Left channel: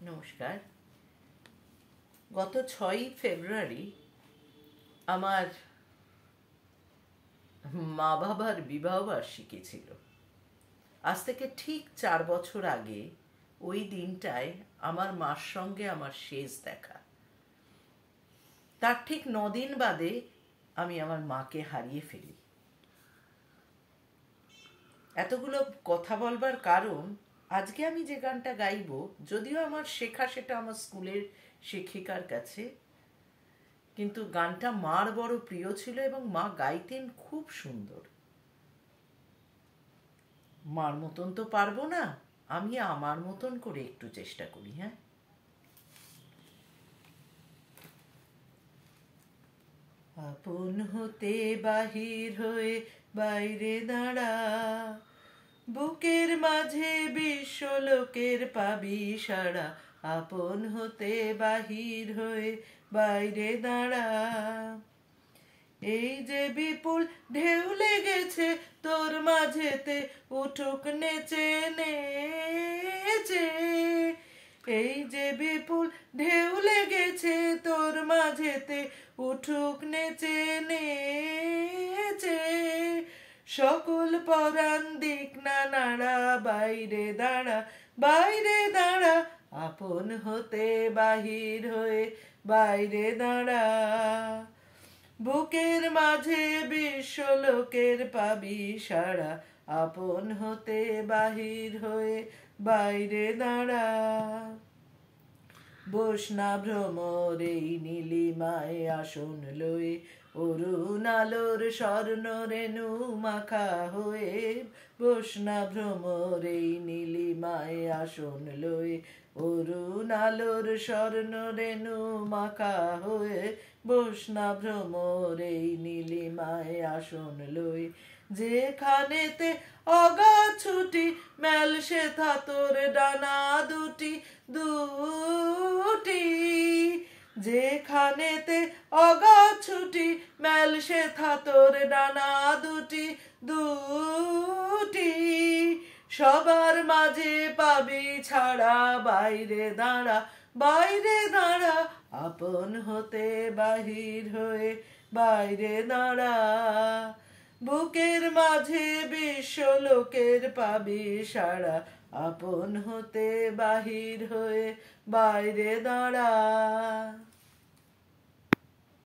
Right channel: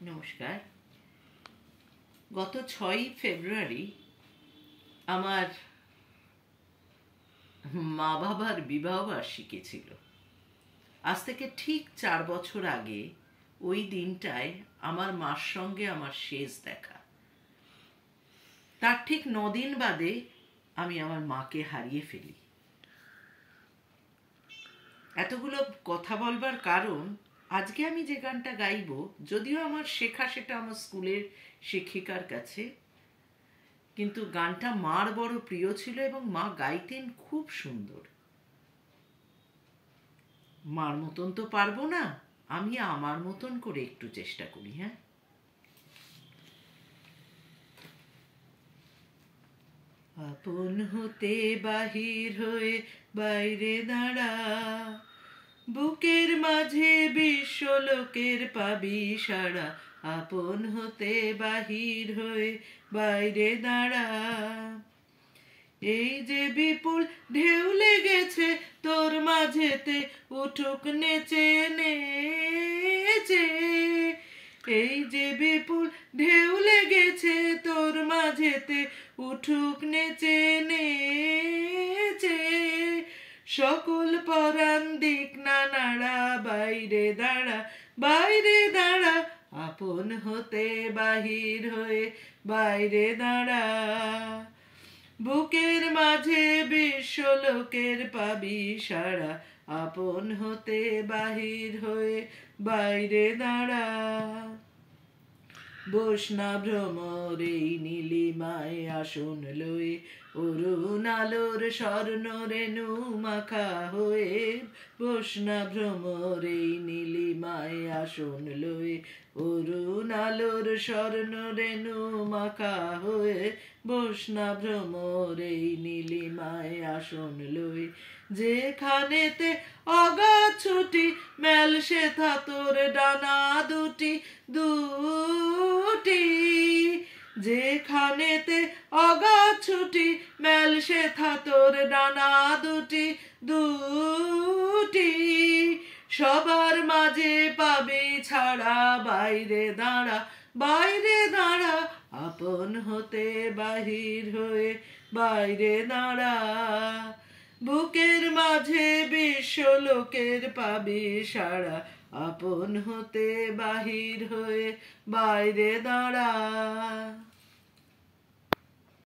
নমস্কার। গত 6ই ফেব্রুয়ারি আমার মা বাবার বিবাহবার্ষিকী ছিল। আজ থেকে ঠিক 4 বছর আগে ওই দিনটায় আমার মার সঙ্গে আমার শেষ দেখা। তার ঠিক 9 দিন বাদে আমি আমার মাকে হারিয়ে ফেলি। এতগুলো কথা বলবার কারণ, আজকে আমি যে গানটা গাইব, যদিও আমার শেখা সেটা আমার স্কুলের শিক্ষিকার কাছে, কিন্তু গানটা মার বড় প্রিয় ছিল এবং মা গাইতেন খুব সুন্দর। মার মতন তো পারবো না, আমি আমার মতন করে একটু চেষ্টা করি। হ্যাঁ, আপন হতে বাহির হয়ে বাইরে দাঁড়া, বুকের মাঝে বিশ্ব লোকের পাবি সারা। আপন হতে বাহির হয়ে বাইরে দাঁড়া, এই যে বিপুল ঢেউ লেগেছে তোর মাঝেতে, উঠুক নেচে নেচে। এই যে বিপুল ঢেউ লেগেছে তোর মাঝেতে, উঠুক নেচে নেচে। সকল পরাণ দিক না নাড়া, বাইরে দাঁড়া, বাইরে দাঁড়া। আপন হতে বাহির হয়ে বাইরে দাঁড়া, বুকের মাঝে বিশ্ব লোকের পাবি সারা। আপন হতে বাহির হয়ে বাইরে দাঁড়া, বসনা ভ্রমর এই নীলিমায় আসন লয়ে, অরুণ আলোর স্বর্ণ রেণু মাখা হয়ে। বসনা ভ্রমর এই নীলিমায় আসন লয়ে, অরুণ আলোর স্বর্ণ রেণু মাখা হয়ে। বসনা ভ্রমর এই নীলিমায় আসন লয়ে, যেখানেতে অগাধ ছুটি মেল সেথা তোর ডানা দুটি দুটি। যেখানেতে অগাধ ছুটি মেল সেথা তোর ডানা দুটি দুটি। সবার মাঝে পাবি ছাড়া, বাইরে দাঁড়া, বাইরে দাঁড়া। আপন হতে বাহির হয়ে বাইরে দাঁড়া, বুকের মাঝে বিশ্ব লোকের পাবি সারা। আপন হতে বাহির হয়ে বাইরে দাঁড়া।